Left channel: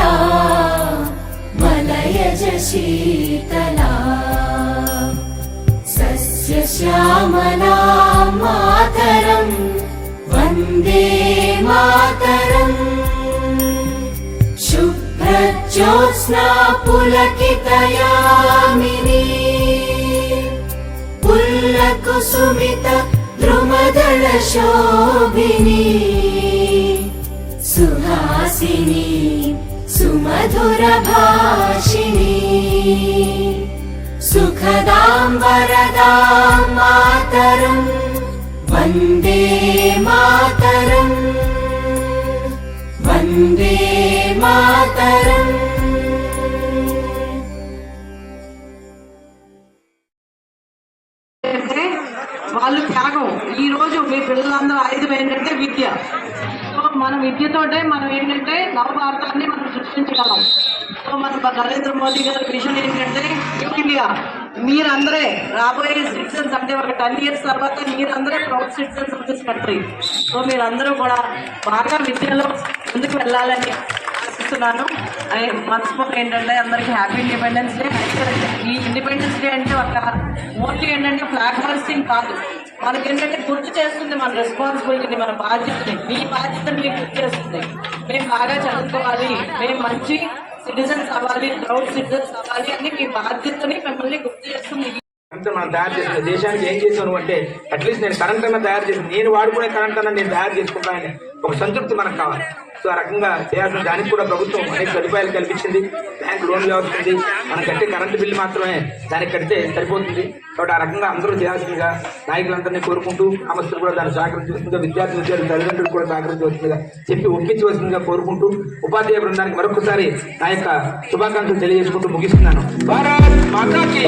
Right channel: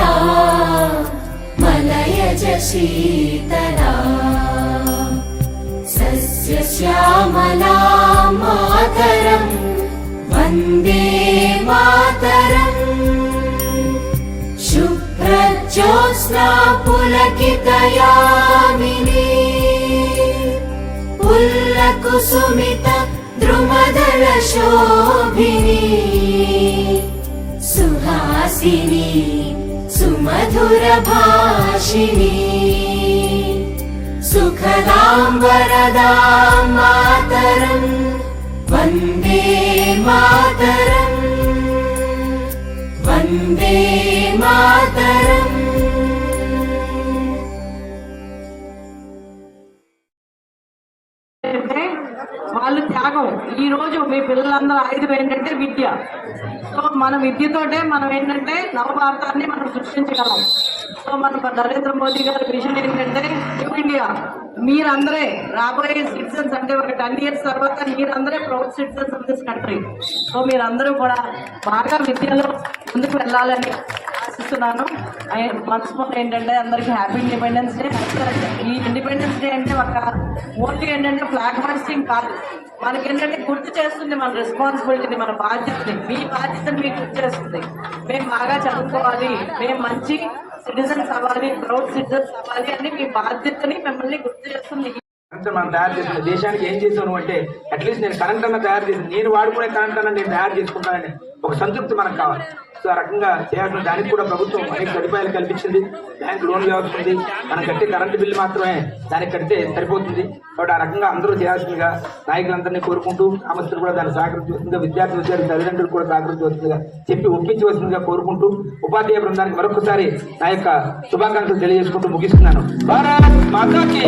शीतला मलयज शीतला सस्यश्यामला मातरम् वन्दे मातरम् शुभ्रज्योत्स्ना पुलकितयामिनी पुल्लकुसुमित द्रुमदल शोभिनी सुहासिनी सुमधुर भाषिणी सुखदां वरदां मातरम् वन्दे मातरम् वन्दे मातरम्। వాళ్ళు త్యాగం. ఈ రోజు మీ పిల్లలందరూ ఆయుధం ఏంటంటే విద్య. సో మన విద్యతోటే మనం ఏంటంటే నవభారతాన్ని మనం సృష్టించగలం. సో మన నరేంద్ర మోదీ గారి విజన్ ఏంటంటే న్యూ ఇండియా. మీరందరే రాబోయే సిటిజన్స్ అంటే ఒక 10 years తర్వాత మీరందరే proud citizens of this country. So మీరందరూ కూడా బాగా విద్యలో ముందుకు వెళ్ళాలని ఆశిస్తున్నాను. మనస్ఫూర్తి ఏంటంటే అందరికీ హ్యాపీ ఇండిపెండెన్స్ డే. ఈ ఇండిపెండెన్స్ డే అంటే ఒక మోస్ట్లీ ఏంటంటే ఫ్లాగ్ హాయిస్టింగ్ కాదు, మనకేంటంటే గుర్తు చేస్తుంది మన రెస్పాన్సిబిలిటీని, మన బాధ్యతని. మీ బాధ్యతని మీకు గుర్తు చేస్తుంది. మేము బాగా చదువుకోవాలి, మేము మంచి సిటిజన్స్ అవ్వాలి, ప్రౌడ్ సిటిజన్స్ అవ్వాలి అని మీ బాధ్యతని మిమ్మల్ని గుర్తు చేస్తుంది. మనం తయారు చేసిన దేశానికి ఏం చేసాను అంటే అట్లీస్ట్ నేను కరెంట్ అన్న తయారు చేసి నేను వాడుకునే కరెంట్ అన్న నేను తయారు చేసుకుంటానని ఒక సంతృప్తి మనకు కావాలి. సో ఆ రకంగా చేయాల్సిన దానికి కూడా ప్రభుత్వం అనేక సదుపాయాలు కల్పించింది. బ్యాంక్ లోన్ వ్యవస్థ ఉంది. మనం కట్టే కరెంటు బిల్లు మాత్రమే దానికి కడితే సరిపోతుంది. కాబట్టి ఆ రకంగా అందరూ చేయాల్సిందిగా నాయకులందరినీ కోరుకుంటూ గ్రామస్తులు కూడా దాన్ని సహకరించవలసిందిగా, విద్యార్థులు తల్లిదండ్రులు కూడా సహకరించవలసిందిగా చెప్పి ఒప్పించవలసిందిగా కోరుకుంటూ ఉపాధ్యాయ బృందానికి మరొకసారి నా యొక్క శుభాకాంక్షలు తెలియజేసుకుంటూ ముగిస్తున్నాను. భారత్ మాతాకి